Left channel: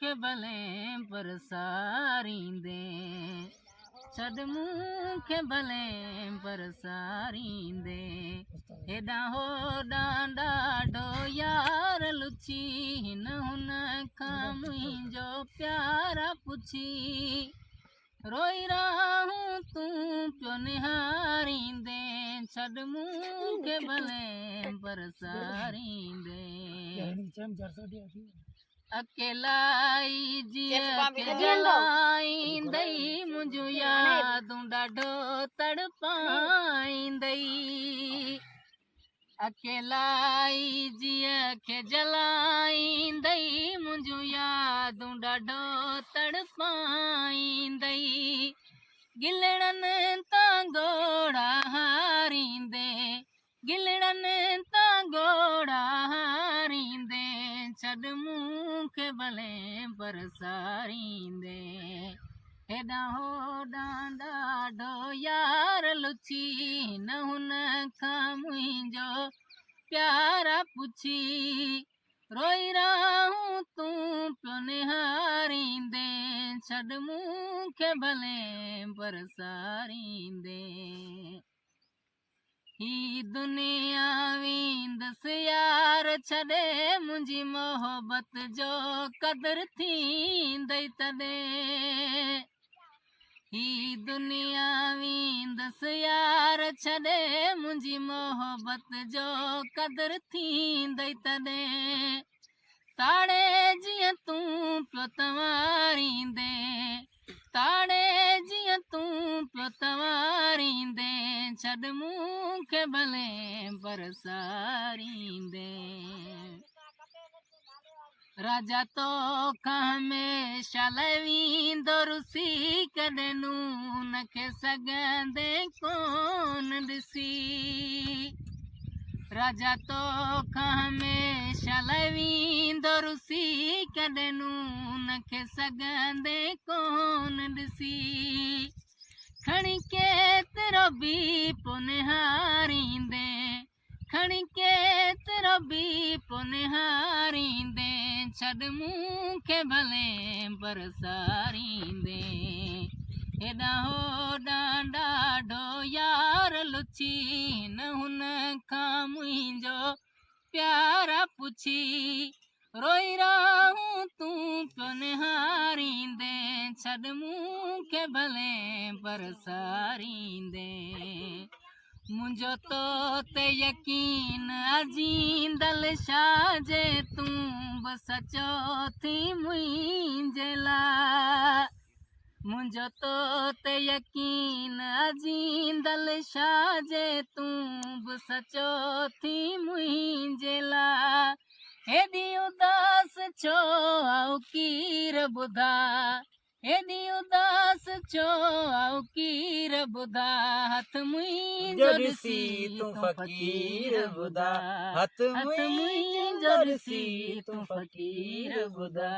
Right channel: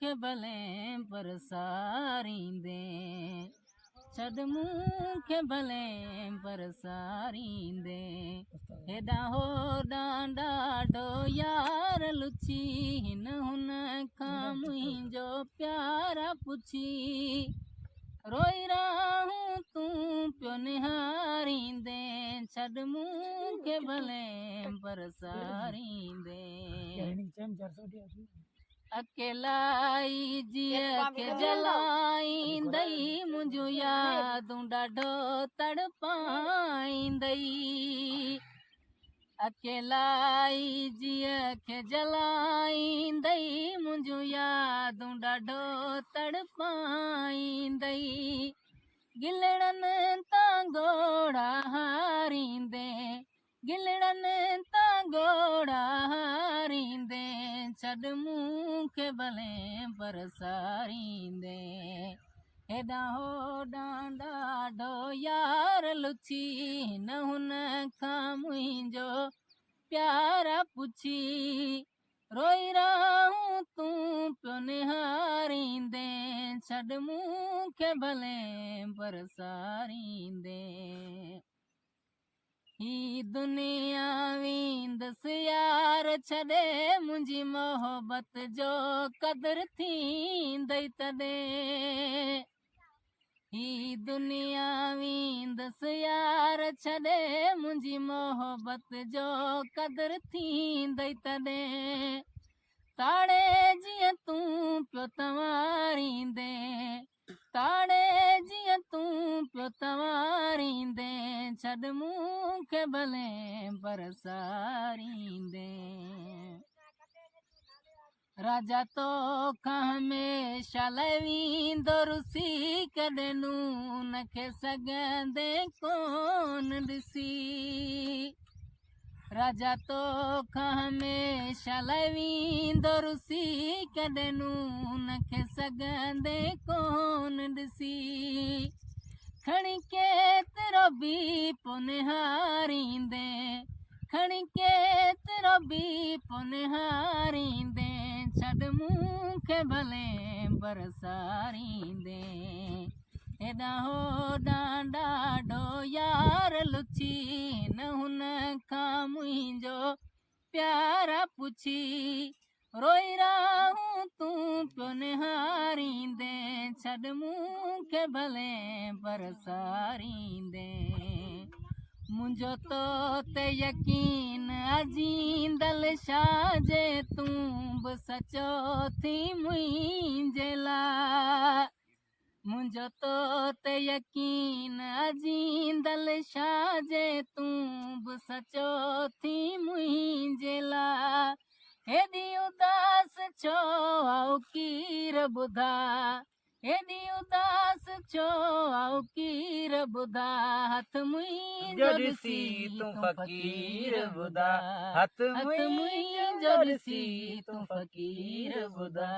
खे भले परसारींदे छॾ मूंखे भले परसारींदे हेॾां होॾां ॾाढो यार लुची हिन हुन खां मुंहिंजो प्यारा पुछी रोई रहूं तूं पियो निहारींदे छॾ मूंखे भले परसारींदे अकेलाई जीअं खे जलाईंदई मुंहिंजूं यादूं ॾाढो तड़पाईंदई अकेलाई जीअं खे जलाईंदई मुंहिंजूं यादूं ॾाढो तड़पाईंदई गिलड़नि तां घोड़ा हारींदे गिलड़नि तां घोड़ा हारींदे छॾ मूंखे भले परसारींदे हेॾां होॾां ॾाढो यार लुची हिन हुन खां मुंहिंजो प्यारा पुछी रोई रहूं तूं पियो निहारींदे छॾ मूंखे भले परसारींदे ही दुनिया वेंदसि यार छॾे मुंहिंजी मोहबत जो क़दुरु थींदई तॾहिं ही दुनिया वेंदसि यार छॾे मुंहिंजी मोहबत जो क़दुरु थींदई तॾहिं ताड़े जीअं तूं पियो तवारींदे ताड़े जीअं तूं पियो तवारींदे छॾ मूंखे भले परसारींदे राजा तोखां हमेशह लाइ वेंदो रुसी कॾहिं नून खे सघंदे कोन ॾिसी राजा तोखां हमेशह लाइ वेंदो रुसी कॾहिं नून खे सघंदे कोन ॾिसी खणी केतिरो बि पोइ निहारींदे खणी केतिरो बि पोइ निहारींदे छॾ मूंखे भले परसारींदे हेॾां होॾां ॾाढो यार लुची हिन हुन खां मुंहिंजो प्यारा पुछी रोई रहूं तूं पियो निहारींदे छॾ मूंखे भले परसारींदे मुंहिंजो तो ते यकीन अजींदल छा जे तूं बि सचो थी मुंहिंजे लाइ मुंहिंजो तो ते यकीन अजींदल छा जे तूं बि सचो थी मुंहिंजे लाइ हेॾी उदास छो आऊं कीर ॿुधा हेॾी उदास छो आऊं कीर ॿुधा हथ मुंहिंजो ॾिसी तूं फ़क़ीर ॿुधा हथ मुंहिंजो ॾिसी तूं फ़क़ीर ॿुधा